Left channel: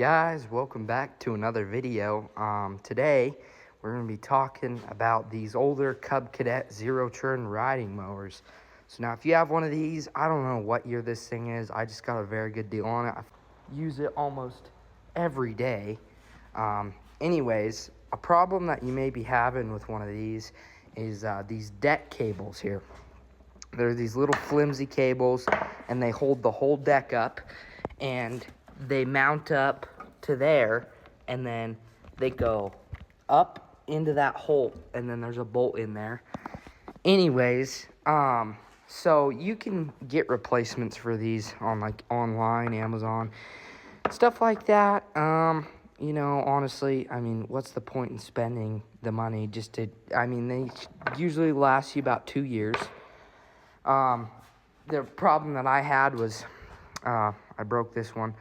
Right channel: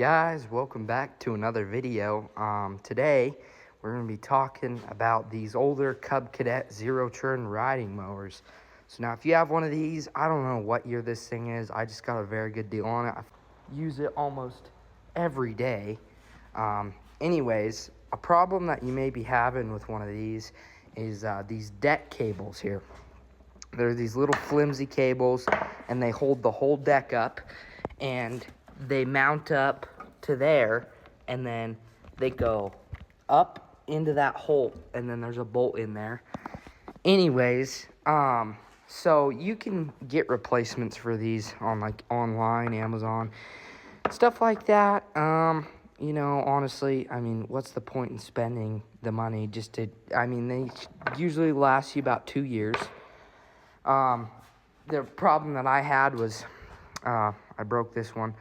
guys, welcome back to another video. Today we're going to be talking about these older Cub Cadet zero turn riding mowers. So now if you have one of these, I don't know what year this thing is. I just got a very good deal on it. I use it almost every day. Anyways, a problem that you may be having with one of these is these deck cables here. They're these little flimsy cables and they hold the whole deck up, and they mount up to there, and then they go up into that hole, and then there's a bolt in there. Anyways, so you can get replacements for these on like online, Amazon, stuff like that. You know, honestly, I mean, what's the point in spending the money just to, I mean, they usually last you about 2 years. The problem that I had was, I broke this one.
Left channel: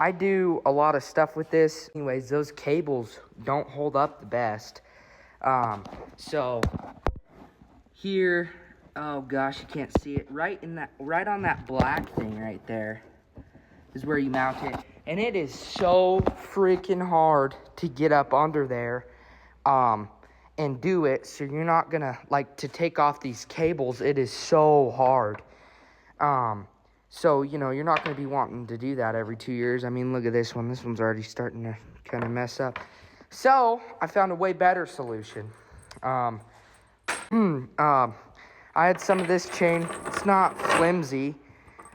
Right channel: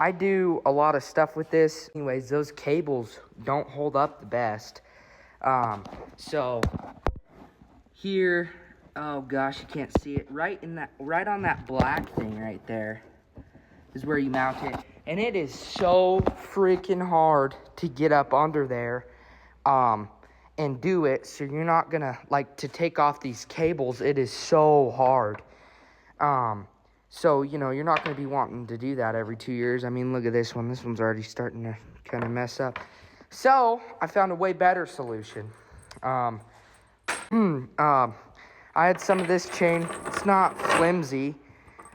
I do a lot of stuff with this. Anyways, those cables don't hold up the best. So here, oh gosh, you can't see it. Right on that black thing right there is where you mount it. And it is so freaking hard to get up under there, and do it. So you're not gonna, like, to take off these cables, it is so hard. So, you know, you're not going to be wanting to do that every 2 years. I mean, look at this one. This one's already starting to kind of mess up. So, I found a way better solution. I had some of this chain. It's not flimsy.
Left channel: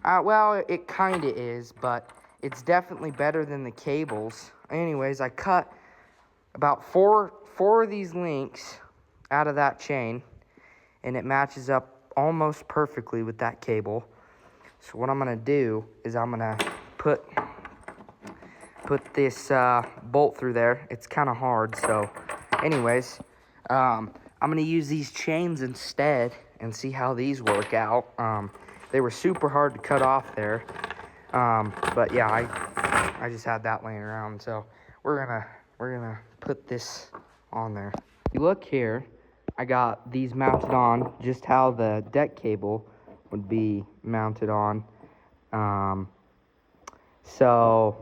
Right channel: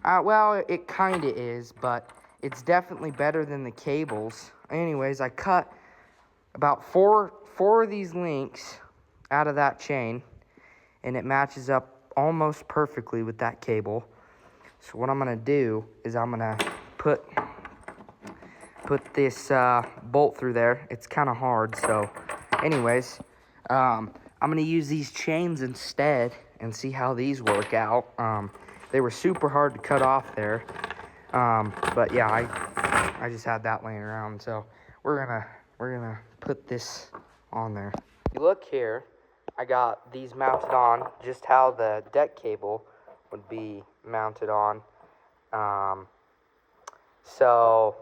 Well, it kind of is, but it's definitely better than the cables. Anyways, I cut about four of these links out of that chain, and it matches up almost perfectly with that cable. So what I'm going to do is I'm going to put this bolt through there. It's kind of hard, so anyways, I'm going to use these chains instead and see how these work out. They were super hard to cut off there, but yeah, I just had that laying around, so we're gonna put this on there. If you look here, I got these mounted on just how the deck cable would be mounted on. So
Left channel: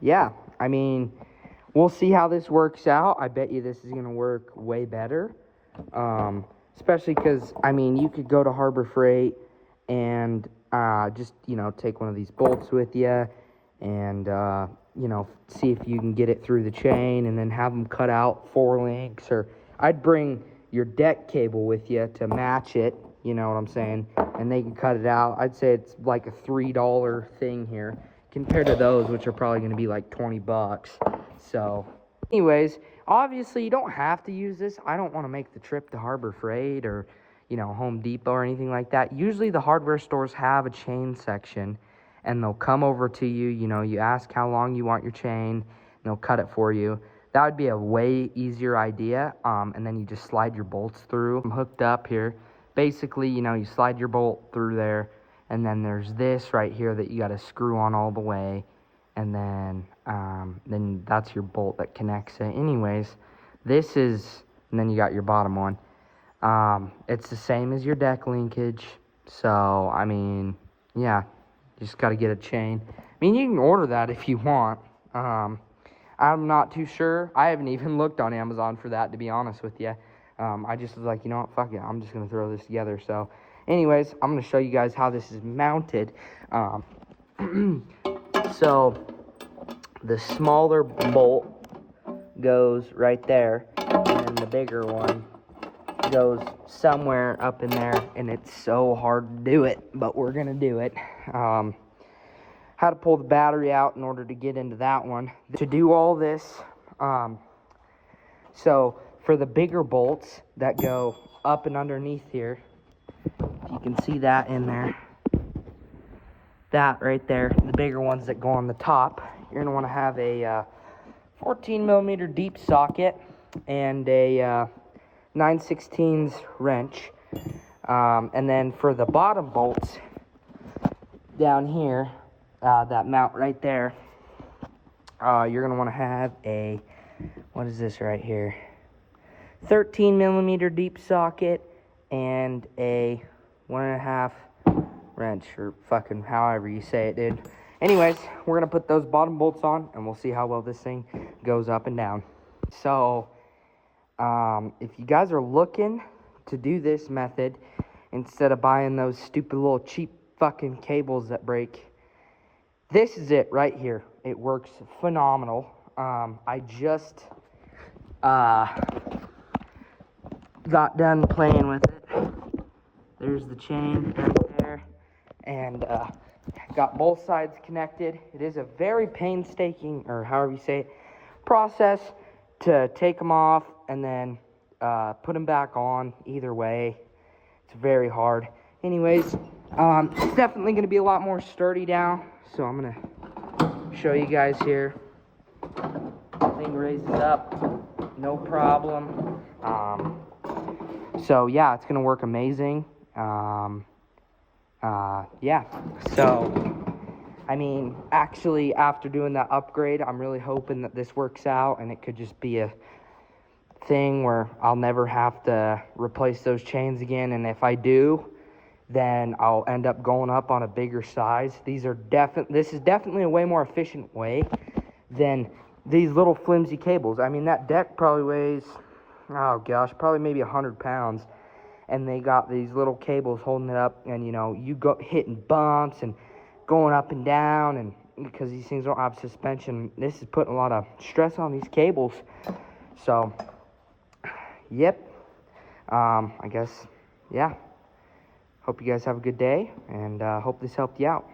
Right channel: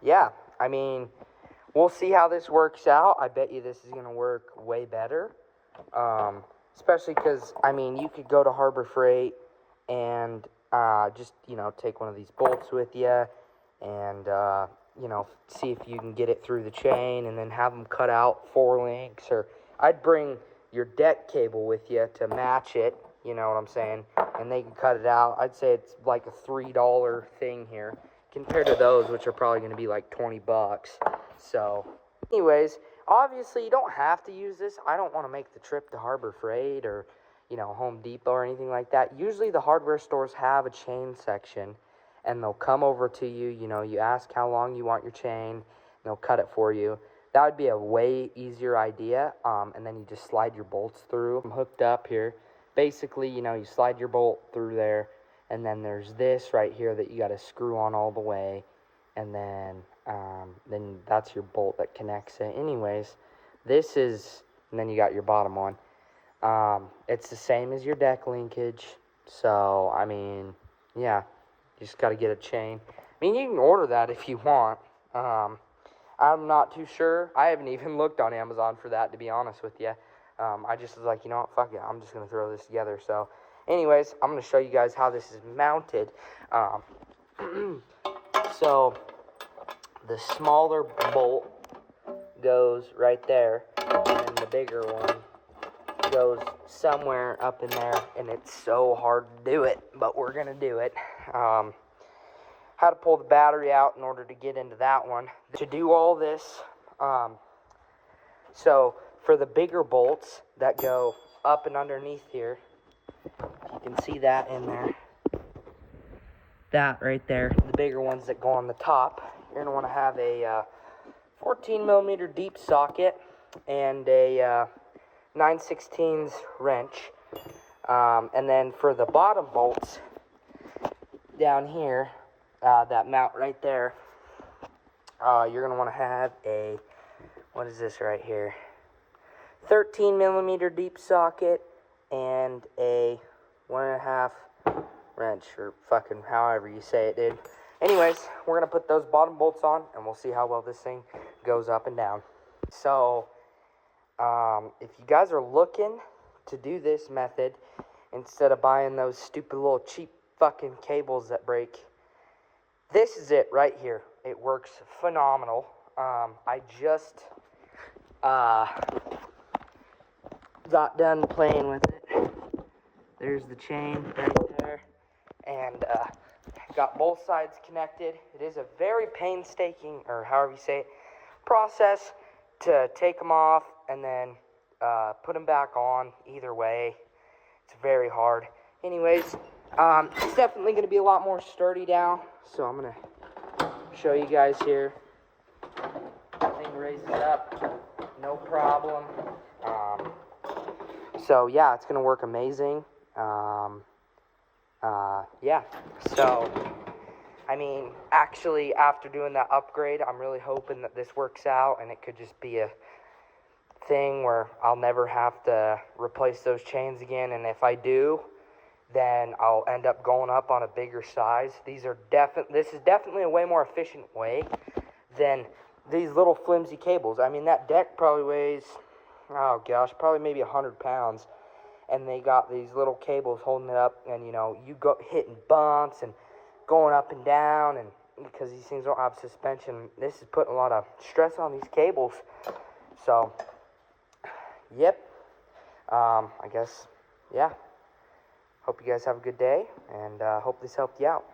yeah, I mean, we'll see how this works out. I bet you this is gonna work way better, especially because, I mean, you could go to Harbor Freight and just, you know, take one of these bolts with you and you know, see if you can get it through the chain, and then have them cut out 4 links. Or I'd bring your deck cable with you to match it, you know what I'm saying, and they can cut it out. I'd say it's like a $3 thing here compared to those, which are probably going to be like 20 bucks. So anyways, obviously you don't have to use this. I don't want to make the trip to Harbor Freight or, you know, Home Depot or anything like that. Usually the hardware stores have a chain section, and they'll come over to you. You know, you ask how long you want your chain, and they'll cut it for you. That would be a way easier idea, and then you just slide your bolts through. I'm hooked up here. Basically, you know, you slide your bolt through there, and then there's this right here that you got to screw on all the way, and then that's your bolt that connects it. Anyways, this is, and then you got your bottom one. It's the same as your deck linkage, so, I mean, yeah, you just got to get a chain. I mean, you can order that if you want. I'm not too sure. I haven't even looked on Amazon for that, to be honest with you. I just was like, you know what, fuck it, I'm just going to throw this together. So, anyways, I'm going to show you guys how this is mounted. So, the smaller bolt goes right there, and the bigger one goes somewhere up in there, and it's so hard to do it, but we're going to do it. How to pull the battery out in order to get into that one. To do all this, so for the bigger bolts that go up and underneath here, you can see that in there, that right there, the bigger ones that go on the top, you're gonna wanna have a 14 millimeter deep socket and a 9/16 wrench. And then for the bottom bolts down here, that mount right there, you're gonna want to have a, what is this right here, 13 millimeter deep socket and a 1.5 wrench, or fucking however you say it, dude. anyways, we're gonna put those bottom bolts on and we'll see how well this thing goes up and down. So if you guys are looking to do this method instead of buying those stupid little cheap fucking cables that break, this is it right here. It works phenomenal. I just got done playing with it. There's the chain right there, and got both sides connected. It is a very painstaking, or however you say it, process to take them off and then put them back on. Either way, it's very hard. Anyways, it's definitely going to be a lot more sturdy now, so I'm going to show you guys here. Thing raises up, no problem. So yeah, it's going to work amazing. Yeah, so I mean, actually, after doing that upgrade, I'm really hoping that this works out and it could just be a thing where I'll never have to replace those chains again. And if I do, then I'll end up going up on a bigger size. This is definitely a way more efficient way than these little flimsy cables. I mean, that deck probably weighs, oh gosh, probably maybe 100 pounds. And they got these little cables holding it up, and you know, you go hitting bumps and going up and down, and because these things don't have suspension, this is putting a lot of stress on these cables. So yep, I guess, yeah, hope you guys have a good day, and hope this helped you out.